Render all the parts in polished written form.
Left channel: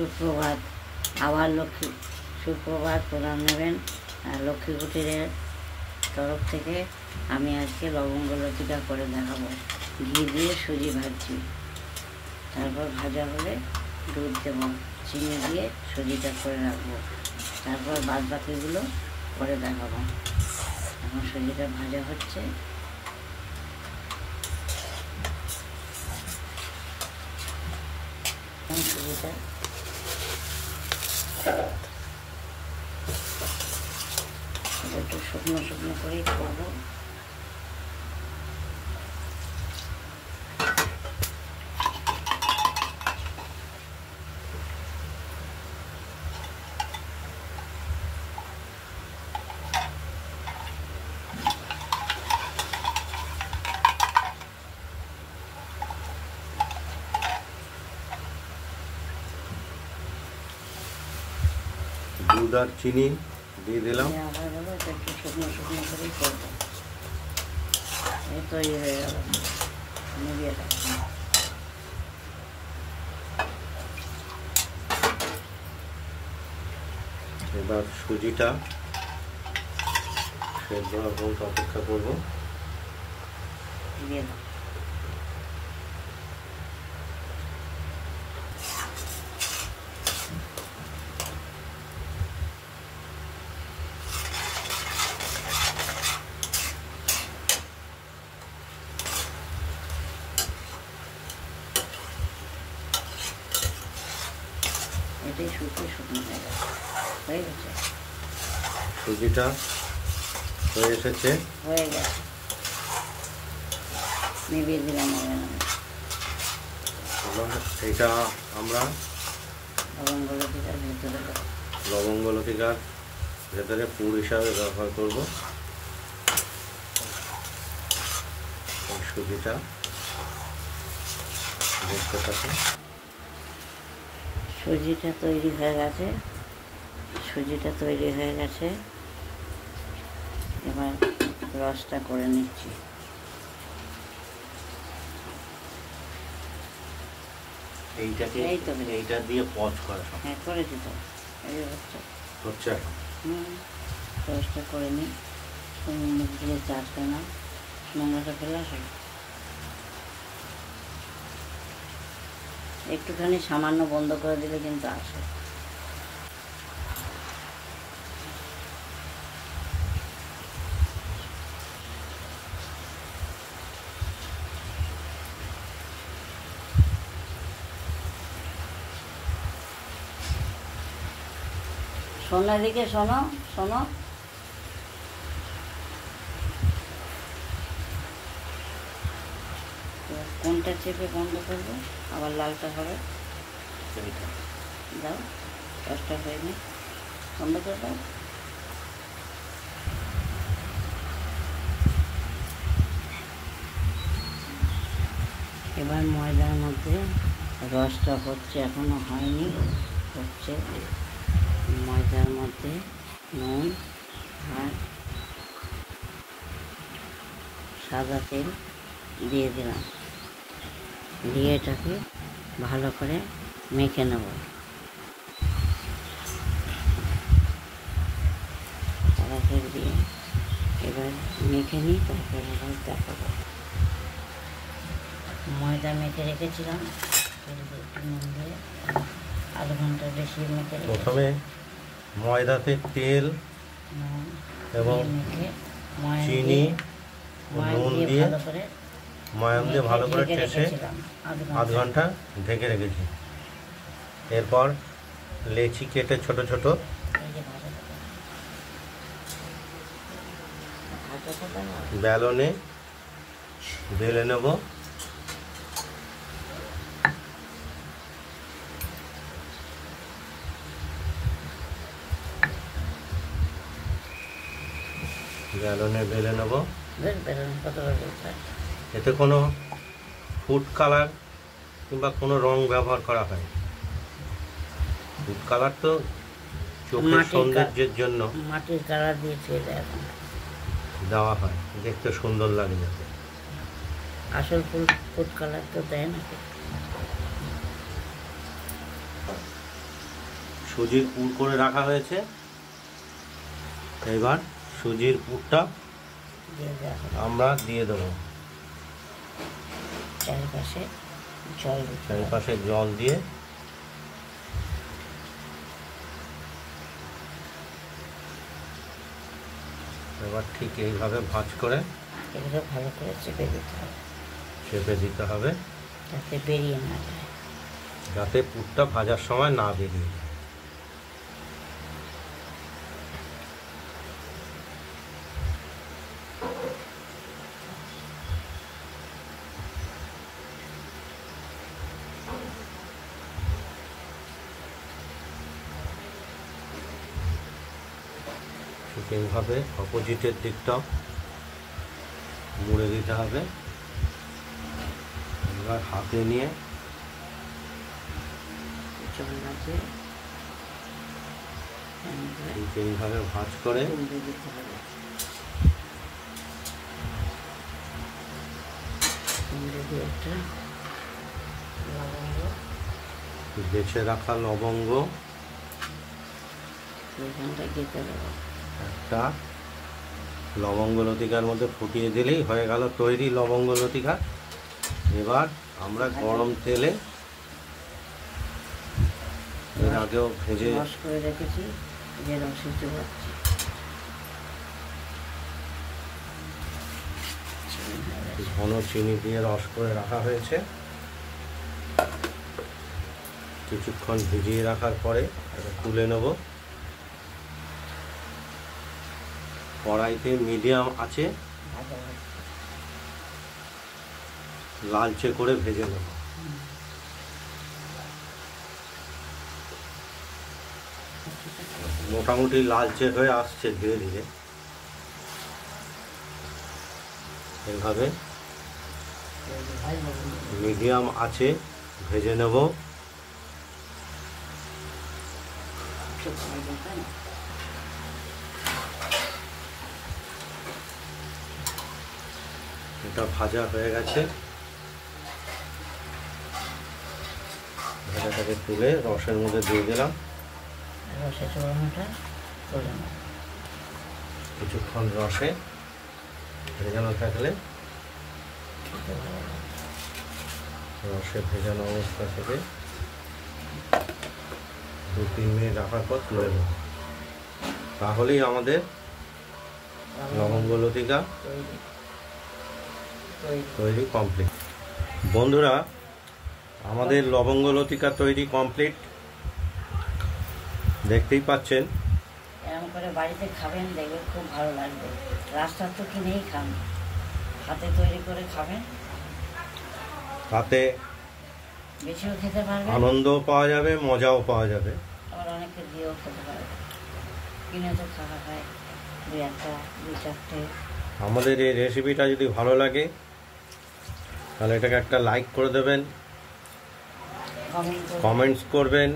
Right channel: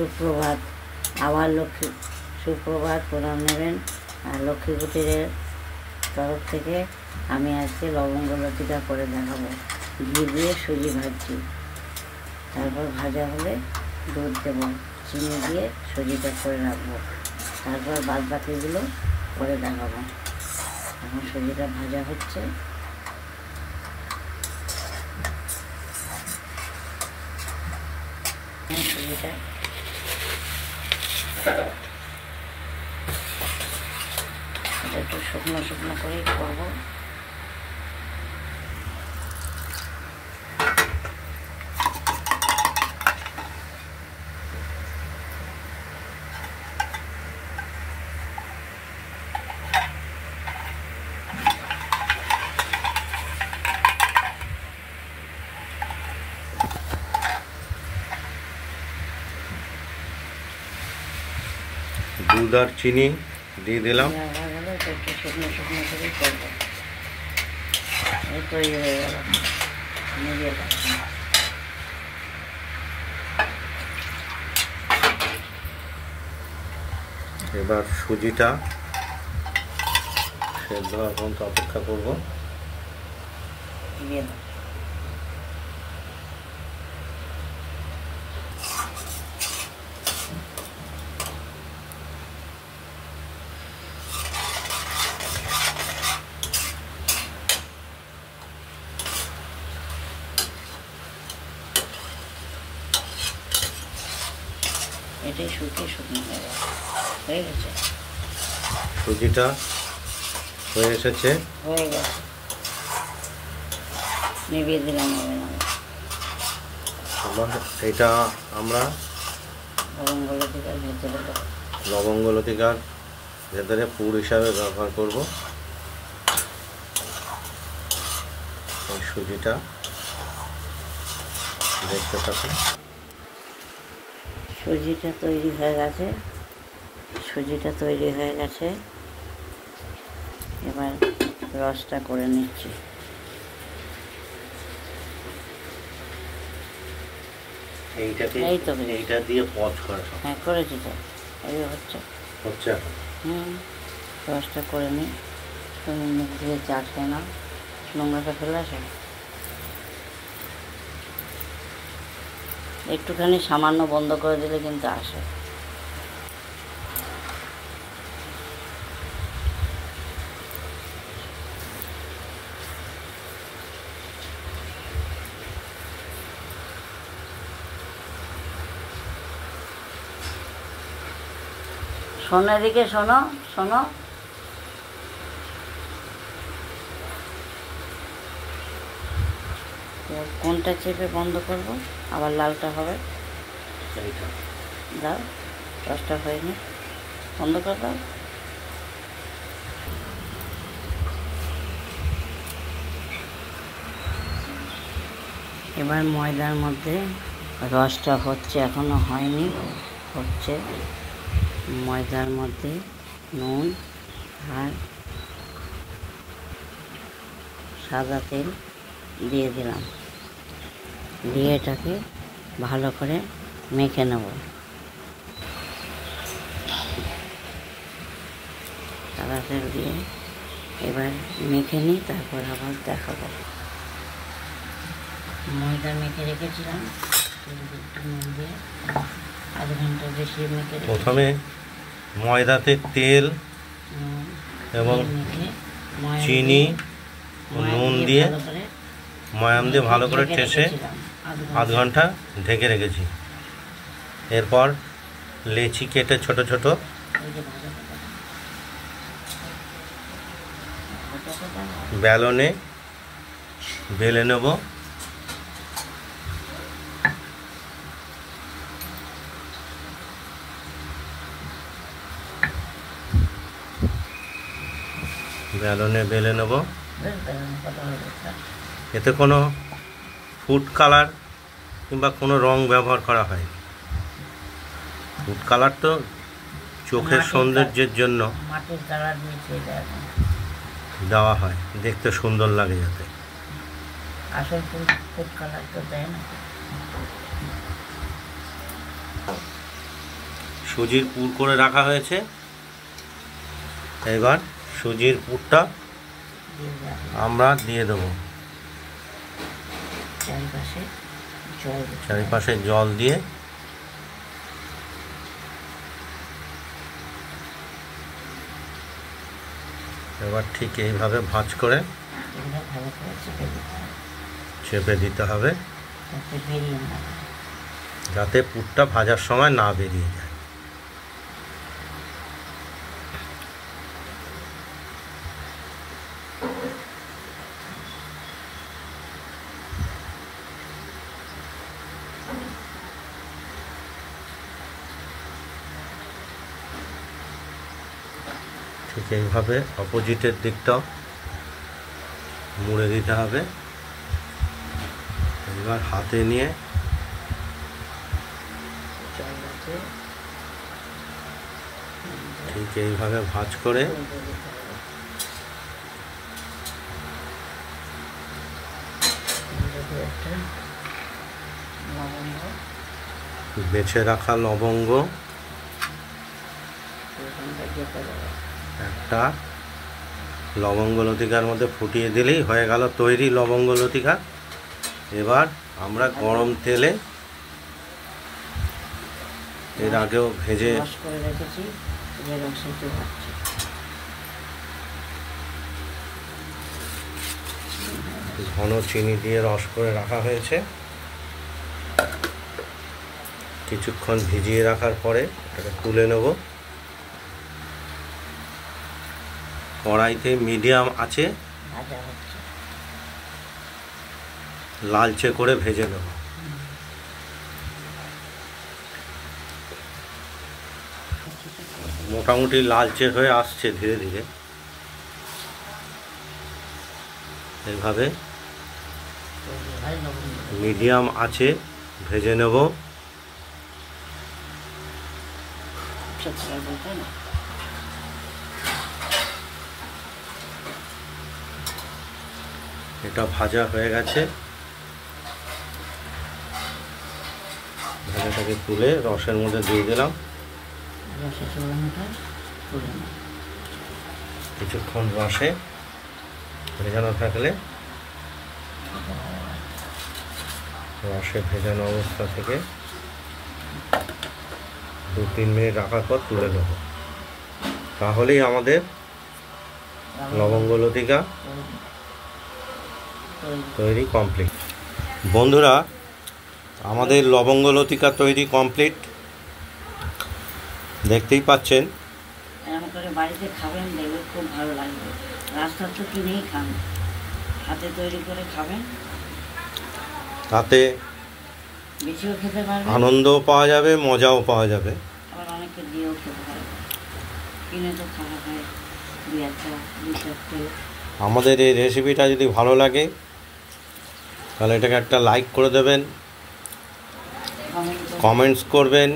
সুপ্রভাত। আবার সুপ্রভাত প্রণাম নেবেন। আর লক্ষ্মী কুটিরের তরফ থেকে আমি আজকে লবঙ্গ লতিকা করে দেখাবো। ঘি দিয়ে সুজি ভাজছি, তারপর ভাজা হলে দুধ দেবো, চিনি দিয়ে সুজিটা করে রাখবো, তারপর বাদ বাকিগুলো করে দেখাবো। এখন সুজিটা ভাজা হচ্ছে। সুজিটা একটু শুকনো শুকনো করেই করবো। দুধ আর চিনি দিয়ে দিলাম। একটু শুকনো শুকনো করেই করবো। তৈরি হয়ে গেল। এবার সুজিটা সেদ্ধ হওয়ার পর্যন্ত অপেক্ষা করবো। এটাই শুকনো হয়ে গেছে। সুজিটা হয়ে এসেছে, নিভিয়ে দিলাম। এটা আমরা লবঙ্গ লতিকার ভেতরে পুর হিসাবে ব্যবহার করব। এই সুজিটা দেখতে থাকুন। সুজিটা তৈরি হয়ে গেছে। এবার রসটা করে নিচ্ছি। এইটা দিয়ে পচ করে। হ্যাঁ, করেছি তো। এই হচ্ছে রসটা করে নিই। মুখ দিয়ে চা খায় না, নোংরাটা ফেলে আসে। একটুখানি সামান্য বন্ধ করে দিলে কিন্তু আসে। শোনো, এদিকে শোনো। কোনটা চেপে বন্ধ করবো? আবার লালটা হবে। দাও, রসটা হয়নি, বন্ধ করে দাও। এবার ময়দার মধ্যে রসটা হচ্ছে, এখনো হয়নি, হচ্ছে। ময়দার মধ্যে নুন আর সাদা তেল দিয়ে দিলাম, দিয়ে এটাকে ভালো করে মেখে নেব। সাদা তেল দিয়ে এবার মেখে নিই, তারপর আবার দেখাবো। ময়দা মেখে রেখেছিলাম, একটু নুন দিয়ে আধ ঘন্টা বেশি মেখে। প্রথমে ময়দাতে তেল এবং চিনি নুন দিয়ে ময়াম দিয়ে ভালো করে ঠেসে আধ ঘন্টা ঢেকে রেখেছি। এরপর লেচি কেটে ছোট ছোট বেলনে বেলে নেব। এতে কোনো ফুড কালার কিংবা কোনো রং ব্যবহার করা হয়। ফুড কালার তো চোখের সৌন্দর্যের জন্য মাটির কালার দিয়েছে, দেওয়া হয়, দেখতে সুন্দর লাগে যাতে। আসল ফুড কালার তো দেয় না। সুজির পুর করে রাখা হয়েছে। এবার সুজির পুরটা আমরা দিয়ে দেবো। চারিপাশে জল দিয়ে এবার ঠিক এইভাবে ভাঁজ করে চেপে দিতে হবে, যাতে পুরটা ভাজার সময় না বেরিয়ে যায়। ঠিক এইভাবে অপোজিটের দিকটাও মুড়ে দিতে হবে। এবার হাতে নিয়ে ঠিক এইভাবে ভাঁজ করে বেছে রাখা লবঙ্গ একটা লবঙ্গ লতিকার মধ্যে ফুটিয়ে দিলেই হয়ে গেল তৈরি লবঙ্গ লতিকা। এবার আমরা গরম তেলে এর আগেও ভেজে ঘন চিনি দিয়ে রস করে রাখা হয়েছে। কিছুক্ষণ ভিজিয়ে রাখার পরে এটা তুলে নেব। কড়াইতে মিডিয়াম আছে লালচে করে ভেজে নেব। মোটামুটি লালচে হয়ে আসছে ধীরে ধীরে। এভাবে মিডিয়াম আছে ভেজে নেব। এটা ভাজা হয়ে গেছে। ভাজাটাকে তুলে রসের মধ্যে দিয়ে দিলাম। কিছুক্ষণ রসে ভেজানো থাকলে রসে ভেজানো অবস্থা থেকে 2-3 মিনিট রাখার পর তুলে দেব। তাহলেই আমাদের লবঙ্গ লতিকা তৈরি কমপ্লিট। বন্ধুরা, আমাদের লবঙ্গ লতিকা তৈরি কমপ্লিট। দেখতেই পাচ্ছেন। এরকম করে বাড়িতে খাবেন, দেখবে খুব ভালো লাগবে। রাস্তার তো কিনেই খান, হাতে তৈরি করে খাবেন, তাতে বেশিও খেতে পারবেন, আনন্দও পাওয়া যাবে, মজাও পাওয়া যাবে। আবার অনেকে দিয়েও খেতে পারবে। কিনে তো খাওয়া হয় 2-4 আমাদের এই রেসিপিটা যদি ভালো লাগে তাহলে এটাকে একটা লাইক করে দেবেন, কমেন্টস করবেন,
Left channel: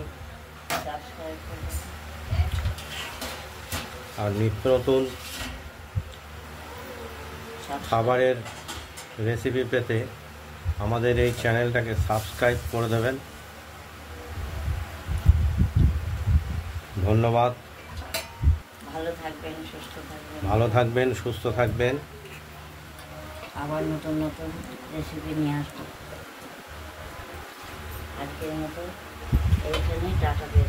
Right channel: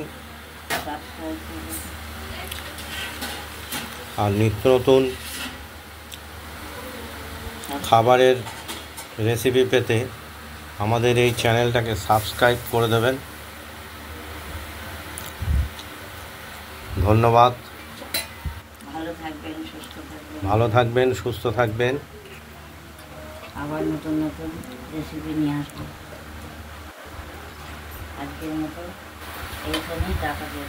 আর নিত্য নতুন খাবারের রেসিপি পেতে আমাদের এই চ্যানেলটাকে সাবস্ক্রাইব করে দেবেন। ধন্যবাদ। ভালো থাকবেন, সুস্থ থাকবেন। আবার নতুন নতুন রেসিপি নিয়ে আসবেন। আজকের মতো এইখানেই টাটা দিয়ে